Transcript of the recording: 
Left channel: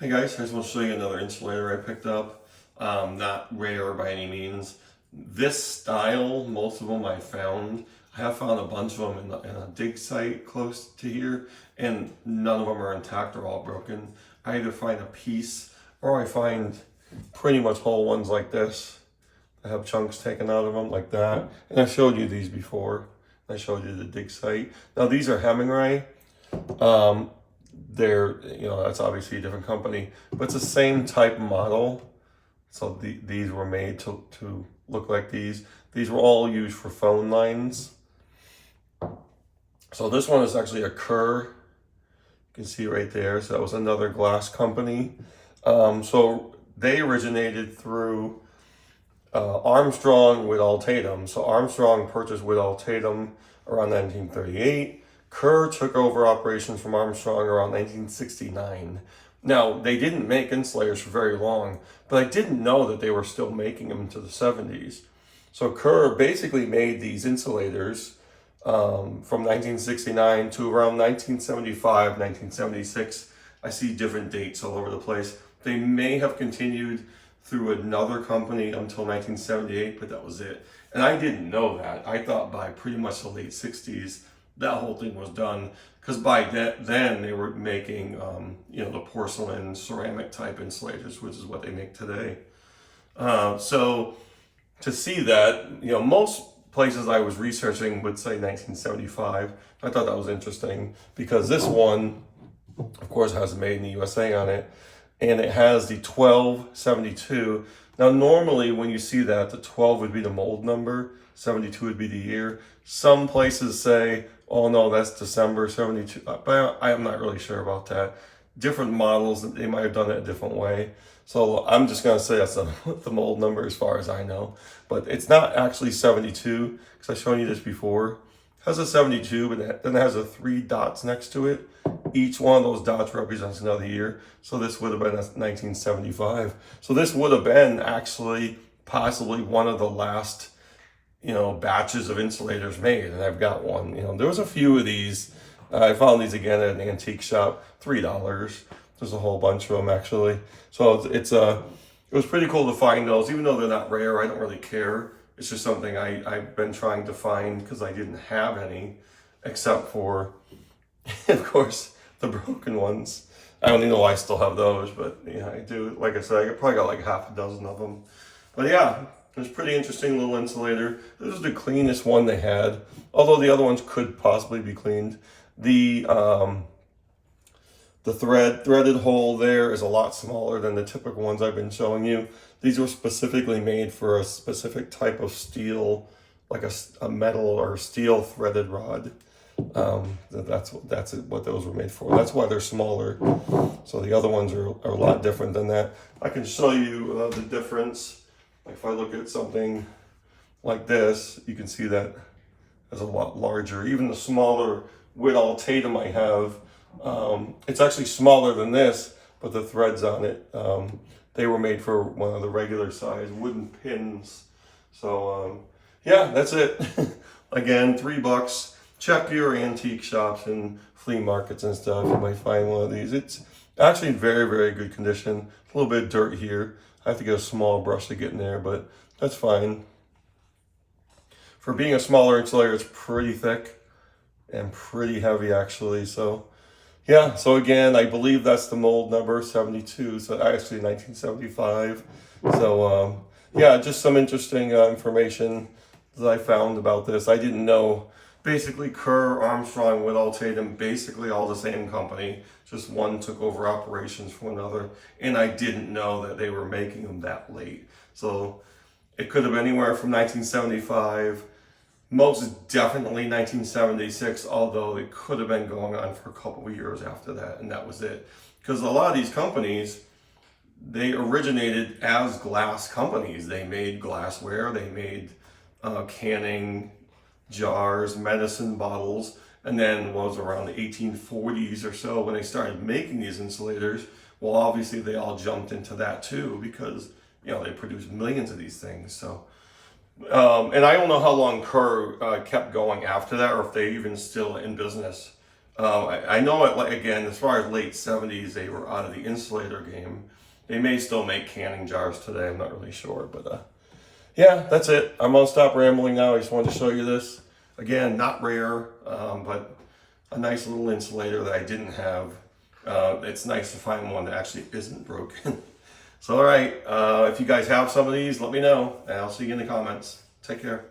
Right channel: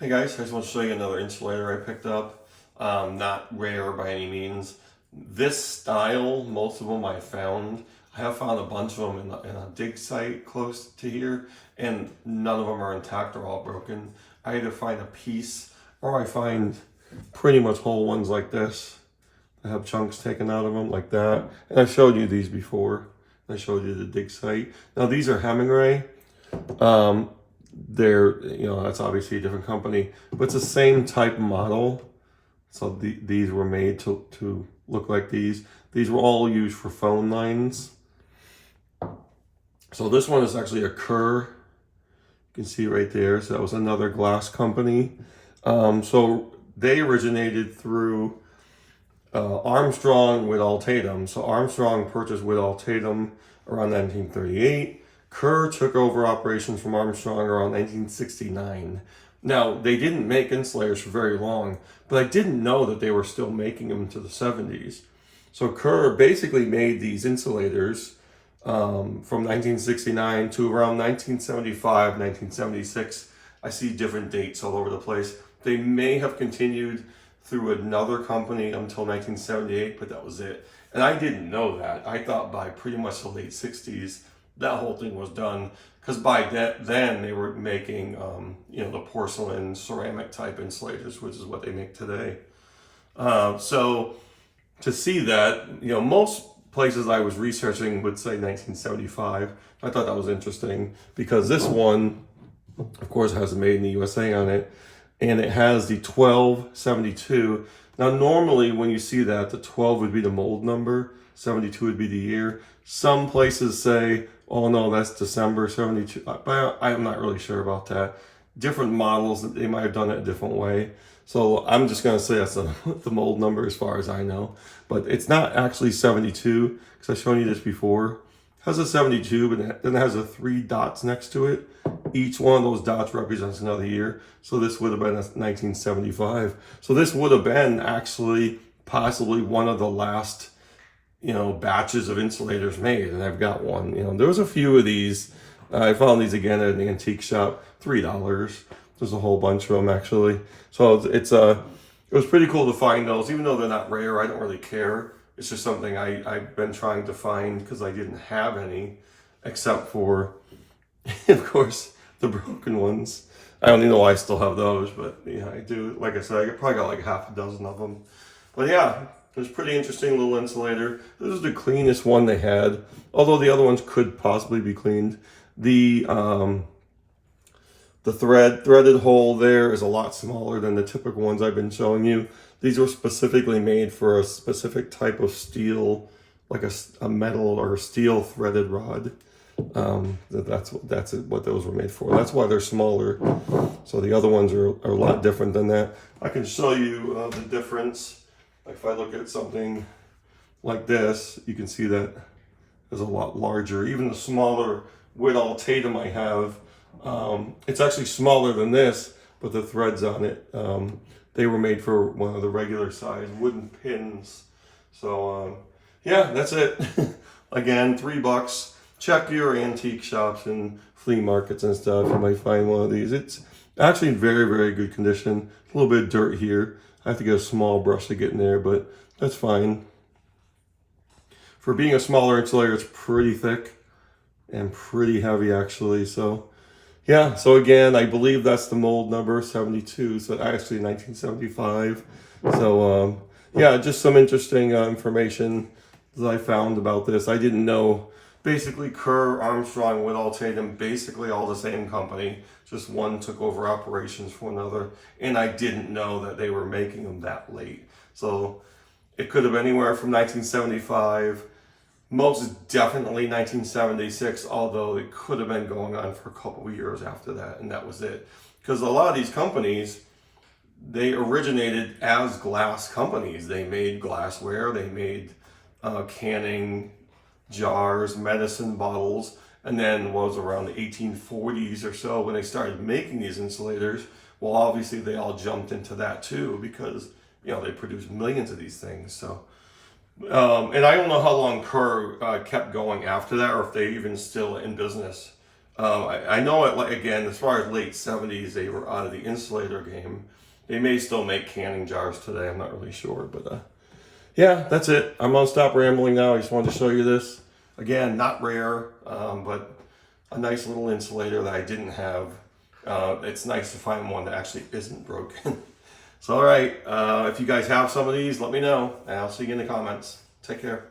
Hey guys, I just want to show you another insulator I picked up. Not rare by any means. This style, most of them I found. I have found a bunch of them in a dig site close to here, and none of them are intact or all broken. I either find a piece or I find pretty much whole ones like this. I have chunks taken out of them like that. And I showed you these before. I showed you the dig site. Now these are Hemingway. Um, they're, that's obviously a different company, but it's the same type model. So these were made to look like these. These were all used for phone lines. So this one is actually a Kerr. You can see right there. So that was another glass company. So they originated through Armstrong with Tatum. So Armstrong purchased with Tatum around 1938. Kerr took over operations from Armstrong around 1969. Now, they didn't make insulators for very long, but I didn't know that they were still making them into the 70s. So Kerr basically made these insulators from 1969 to around 1975, 1976. I see different dates all over the place. They may have continued through another company until 1978, but that was it. And I didn't know that. I thought by pretty much the late 60s, that whole thing was done, because by then they were making, the porcelain ceramic type insulators, which is what they make today. So to see that, most places I was researching would say 1975. I thought that was interesting because this one, of course, has Made in the USA on it, and it has the 1272. Now, normally when you see that, the 12 would be the mold number, 72 would be the year. Some places say, oh no, that's December 72, but I'm not really sure about that. Different models, they might have done it a different way. So I'm just gonna say that's the mold number as far as I know. But it's not actually 72, because I've shown you this before. It has a 72, but then it has 3 dots next to it. Each one of those dots represents another year. So this would have been 1975. So this would have been actually possibly one of the last batches of insulators made, and I've got one. There was a few of these. I found these again at an antique shop, $3. There's a whole bunch of them actually. So it was pretty cool to find those, even though they're not rare. I don't really care. It's just something I've been trying to find because I didn't have any, except for, of course, the broken ones. I don't even know why I still have those, but yeah, I do. Like I said, I probably got like half a dozen of them. But yeah, it was a pretty interesting little insulator. This is the cleanest one they had, although the other ones could possibly be cleaned. The threaded hole there is a lot smaller than the typical ones I've been showing you. These were specifically made for a specific type of steel, like a metal or steel threaded rod. That's what those were made for. That's why they're smaller. So the other ones are a lot different than that. I can show you the difference. If I look at something like this, you can see that is a lot larger. Even the smaller Whitall Tatum I have, it's actually smaller than this, but the threads on it, they were made for one of the regular size wooden pins. So yeah, that's it. Again, $3. Check your antique shops and flea markets and stuff. You might find one of these. It's actually in very, very good condition. A little bit of dirt here. I have to get a small brush to get in there, but that's fine. For being a smaller insulator, it's pretty thick and pretty heavy actually. So yeah, so again, I believe that's the mold number 72. So actually 1975. So yeah, just some interesting information that I found about this. I didn't know. Basically, Kerr, Armstrong, Whitall Tatum, basically all the same company. Just one took over operations from another. And I didn't know that they were making them that late. So it could have been anywhere from 1975, most definitely 1976, although it could have been going on for a couple of years after that, and that was it. Because a lot of these companies, they originated as glass companies. They made glassware, they made canning, jars, medicine bottles, and then was around the 1840s or so when they started making these insulators. Well, obviously they all jumped into that too because they produced millions of these things. So and I don't know how long Kerr kept going after that, or if they even still in business. I know it, like, again, as far as late 70s, they were out of the Insulator game. They may still make canning jars today. I'm not really sure, but yeah, that's it. I'm gonna stop rambling now. I just wanted to show you this. Again, not rare, but a nice little insulator that I didn't have. It's nice to find one that actually isn't broken. So, all right, if you guys have some of these, let me know, and I'll see you in the comments. Take care.